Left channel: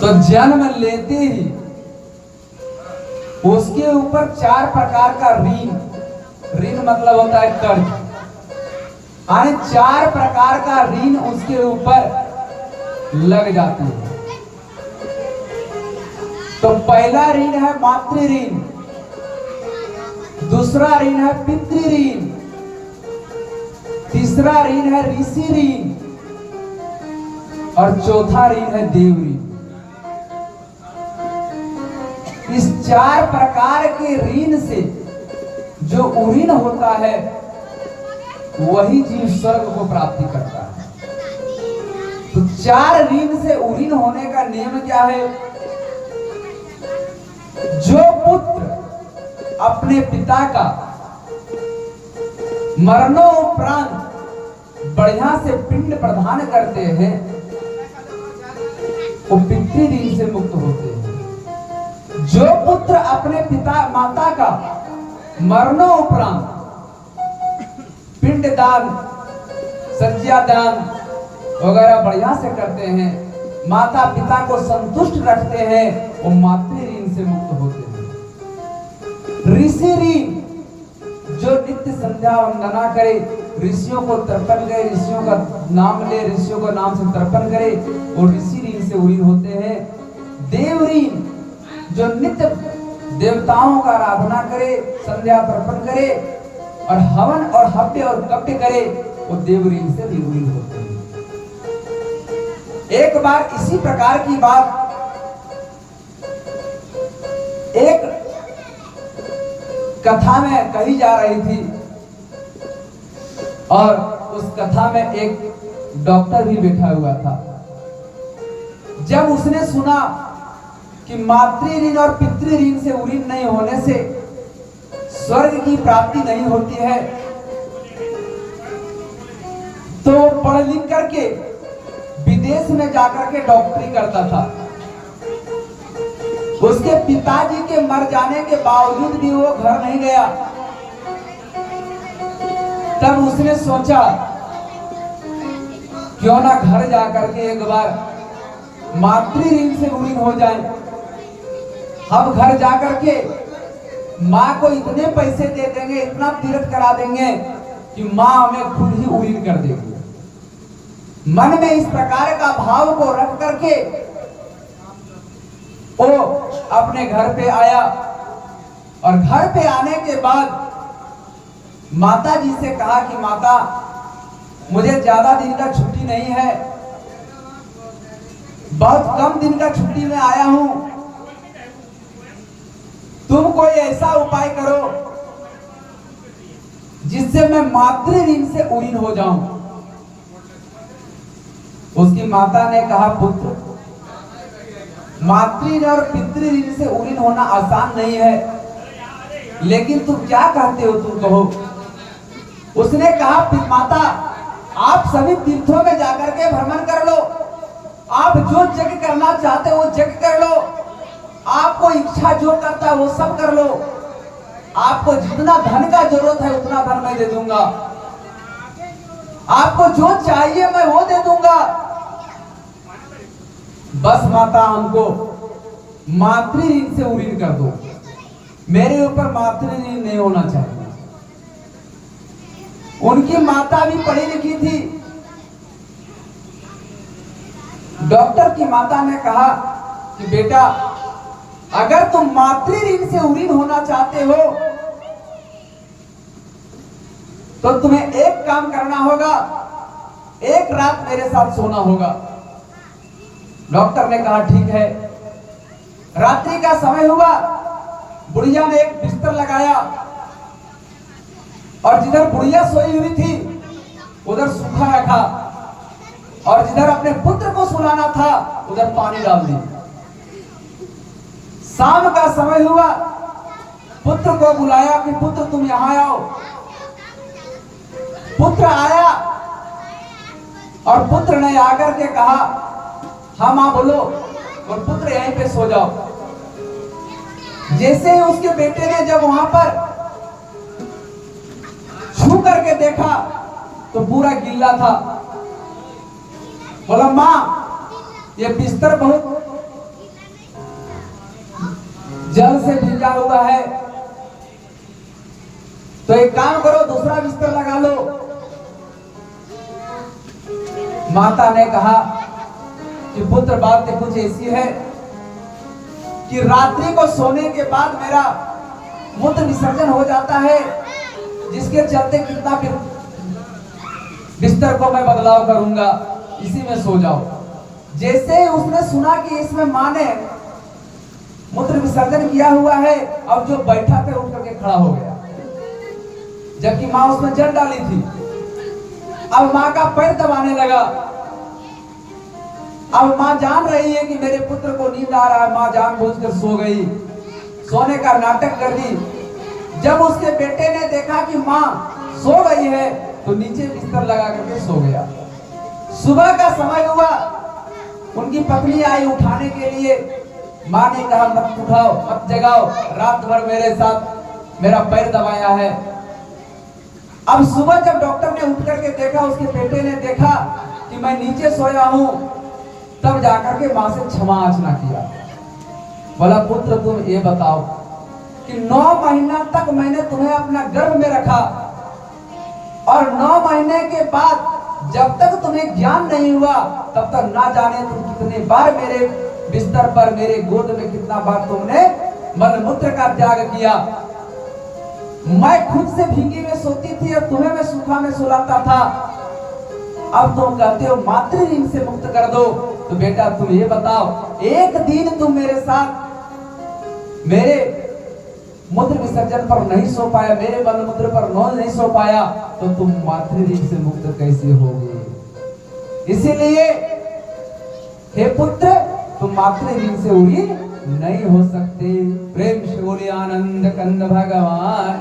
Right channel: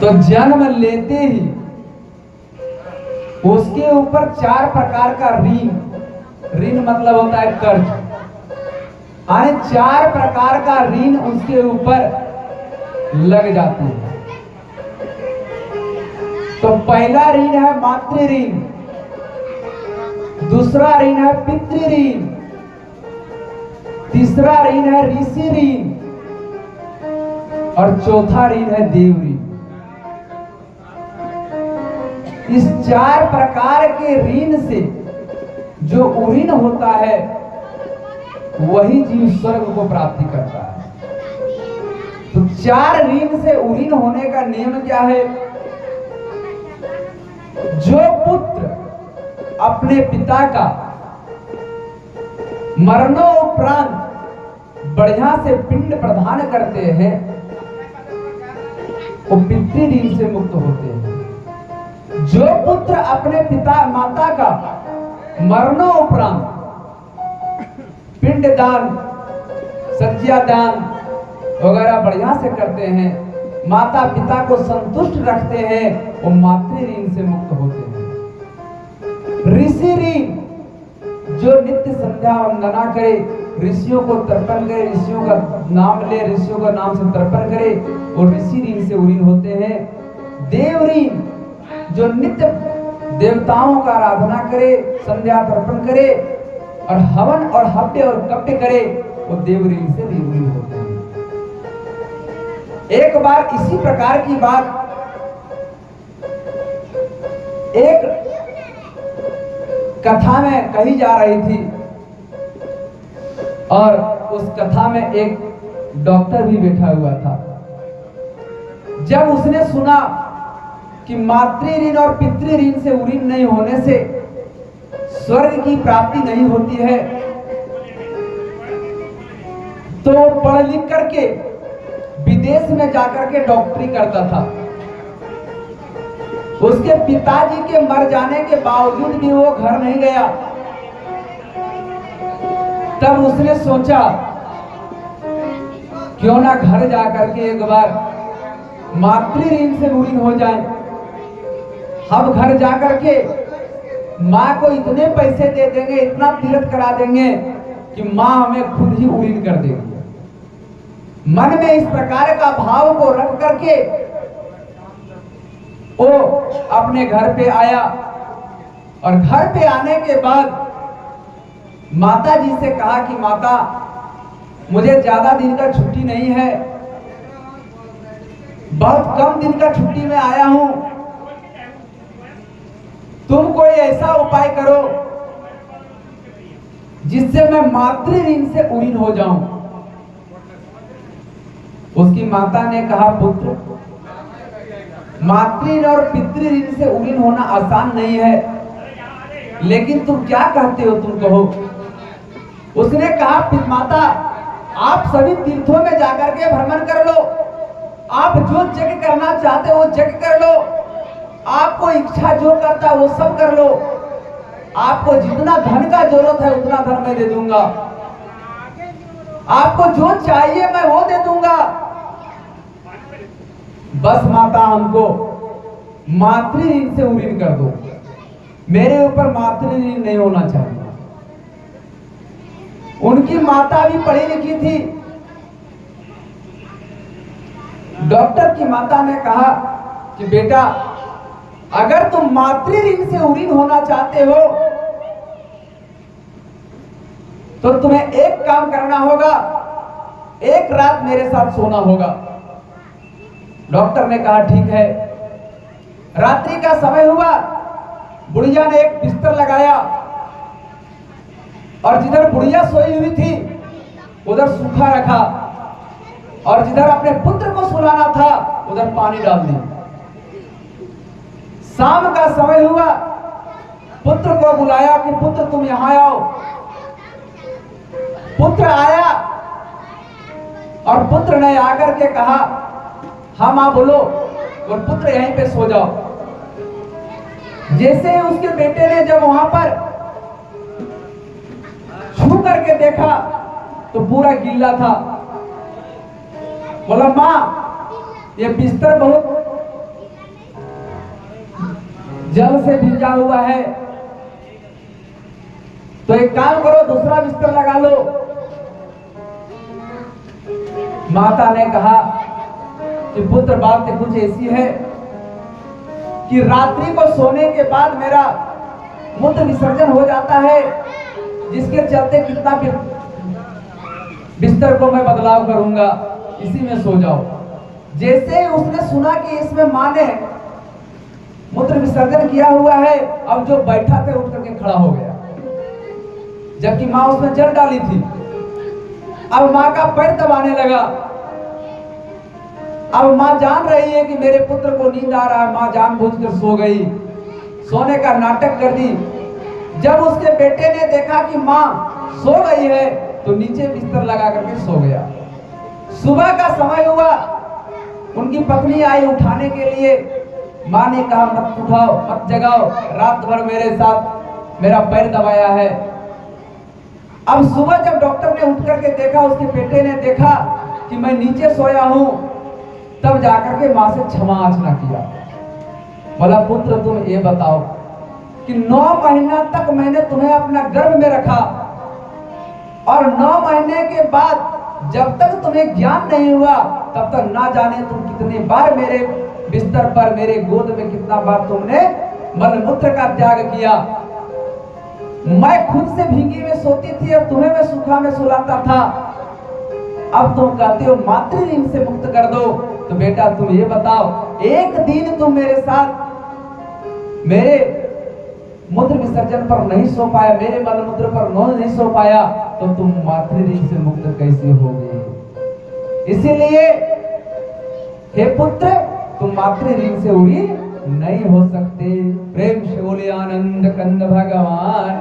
तो जन्म लेते ही उसके ऊपर 4 प्रकार का ऋण, ऋण मतलब होता है कर्ज, यानी 4 प्रकार का ऋण उसके ऊपर लग जाते हैं। तो पहला ऋण है मातृ ऋण, दूसरा ऋण है पितृ ऋण, तीसरा ऋण है ऋषि ऋण और चौथा ऋण है देव ऋण। इस 4 प्रकार के ऋण से जो ऋण होता है वही जीव स्वर्ग को प्राप्ति करता है। तो 4 ऋण से ऋण होने का नियम क्या है? जो पुत्र अपने पिता का मरणोपरांत बढ़िया से पिंड प्रदान करते हैं वो पितृ ऋण से मुक्त होते हैं। जो पुत्र अपने पिता माता का मरणोपरांत पिंडदान, सज्जादान वगैरह बढ़िया से करते हैं, माता पिता को संतुष्ट रखते हैं, वो मातृ ऋण से मुक्त होते हैं। ऋषि ऋण जो नित्य संध्या वंदना करे, ऋषियों को तर्पण करे, ऋषियों का नाम ले, ऋषियों का नाम से तर्पण करे, वो ऋषि ऋण से ऋण होते हैं। देव ऋण जो नित्य देवताओं का आराधना करे, संध्या तर्पण करे और हवन और हव्य और कप्य करे, वो देव ऋण से ऋणी होते हैं। एक बार इसी प्रकार की बात एक कथा में कही जा रही थी और उस कथा में एक डॉक्टर भी बैठा हुआ था। जब उसने सुना कि मातृ ऋण और पितृ ऋण से ऋण नहीं होने से स्वर्ग की प्राप्ति नहीं होती है, तो पढ़ लिख करके विदेश में जाकर के डॉक्टरी करता था। उसके पिताजी के मर जाने के बावजूद भी वो घर नहीं गया। तब उसने सोचा क्यों ना घर जाकर के एक बार मातृ ऋण से ऋण हो जाए। हम घर जाकर के माँ को इतने पैसे दे देंगे, इतना तीर्थ करा देंगे कि माँ हमें खुद ही ऋण कर देगी। मन में इस प्रकार का भाव को रख करके वो अपने घर पे आया और घर पे आने के बाद माता जी से कहा कि माता, मुझे ज्यादा दिन का छुट्टी नहीं है, बहुत कम दिन का छुट्टी में आया हूं, तुम कोई ऐसा उपाय करो जिससे मैं मातृ ऋण से ऋण हो जाऊं। उसकी माता ने कहा, पुत्र, मातृ ऋण और पितृ ऋण से ऋण होना आसान नहीं है, लेकिन तुम क्या कहते हो, तुम कहो। उसने कहा, माता, आप सभी तीर्थों में जाकर के भ्रमण कर लो, आप जो यज्ञ करना चाहते हो वो यज्ञ कर लो, आपको इच्छा जो करता है वो सब कर लो, आपको जितना धन का जरूरत है उतना धन मैं दे दूंगा, आपको जो चाहिए मैं वो दे दूंगा, बस माता हमको मातृ ऋण से ऋण कर दो, मेरे ऊपर मातृ ऋण नहीं होना चाहिए। उनकी माता भी पढ़ी लिखी थी। डॉक्टर की माता ने कहा कि बेटा, अगर तुम मातृ ऋण से ऋण होना चाहते हो तो तुम्हें एक काम करना होगा, एक रात मेरे साथ सोना होगा। डॉक्टर ने कहा ठीक है। रात्रि का समय हुआ, बुढ़िया ने एक बिस्तर लगाया और जिधर बुढ़िया सोई हुई थी उधर सूखा रखा और जिधर अपने पुत्र को सुलाना था उधर पानी डाल दिया। शाम का समय हुआ, पुत्र को बुलाया कि पुत्र तुम यहां आओ। पुत्र आया और पुत्र ने आकर के कहा, हाँ मां बोलो, और पुत्र यहीं पे सो जाओ। जैसे ही उसके बेटे ने जब वहां पर छू करके देखा तो पूरा गीला था। बोला, मां ये बिस्तर बहुत जल से भींजा हुआ है, तो एक काम करो, दूसरा बिस्तर लगा लो। माता ने कहा कि पुत्र, बात कुछ ऐसी है कि रात्रि को सोने के बाद मेरा मूत्र विसर्जन हो जाता है, जिसके चलते कितना बिस्तर को मैं बदलाव करूंगा, इसी में सो जाओ। जैसे ही उसने सुना कि इसमें मां ने मूत्र विसर्जन किया हुआ है, अब जो बैठा था उठ करके खड़ा हो गया, जबकि मां उसमें जल डाली थी। अब मां का पैर दबाने लगा। अब मां जान रही है कि मेरे पुत्र को नींद आ रहा है, मां जानबूझकर सो गई, सोने का नाटक कर दी। जब उसके बेटे ने देखा कि मां सो गई है, तो नीचे बिस्तर लगा करके सो गया। सुबह का समय हुआ, उनकी पत्नी आई उठाने के लिए। मां ने कहा, मत उठाओ, मत जगाओ, रात भर मेरे साथ मेरा पैर दबाया है। अब सुबह जब डॉक्टर ने उठ करके देखा, उसके बेटे ने देखा कि मैं नीचे सोया हूं, तब जाकर के मां से क्षमा याचना किया। बोला, पुत्र तुम ये बताओ कि 9 महीना तक मैंने तुम्हें अपना गर्भ में रखा, और 9 महीने के बाद जब तक तुम्हें ज्ञान नहीं हुआ, तब तक ना जाने तुम कितनी बार मेरे बिस्तर पर, मेरे गोद में कितना बार तुमने मलमूत्र का त्याग किया। मैं खुद से भीगी में सोती थी, अब तुम्हें मैं सूखा में सुलाता था। अब तुम कहते हो मातृ ऋण से मुक्त कर दो। तो बेटा तुम ये बताओ, एक दिन तुम मेरे साथ मेरे मूत्र विसर्जन पर नहीं सो पाया, मेरे मलमूत्र पर नहीं सो पाया, तो तुम मातृ ऋण से मुक्त कैसे होगे? इसीलिए हे पुत्र, तुम मातृ ऋण से उड़ी नहीं हो सकते। प्रेम से बोले आनंद कंद भगवान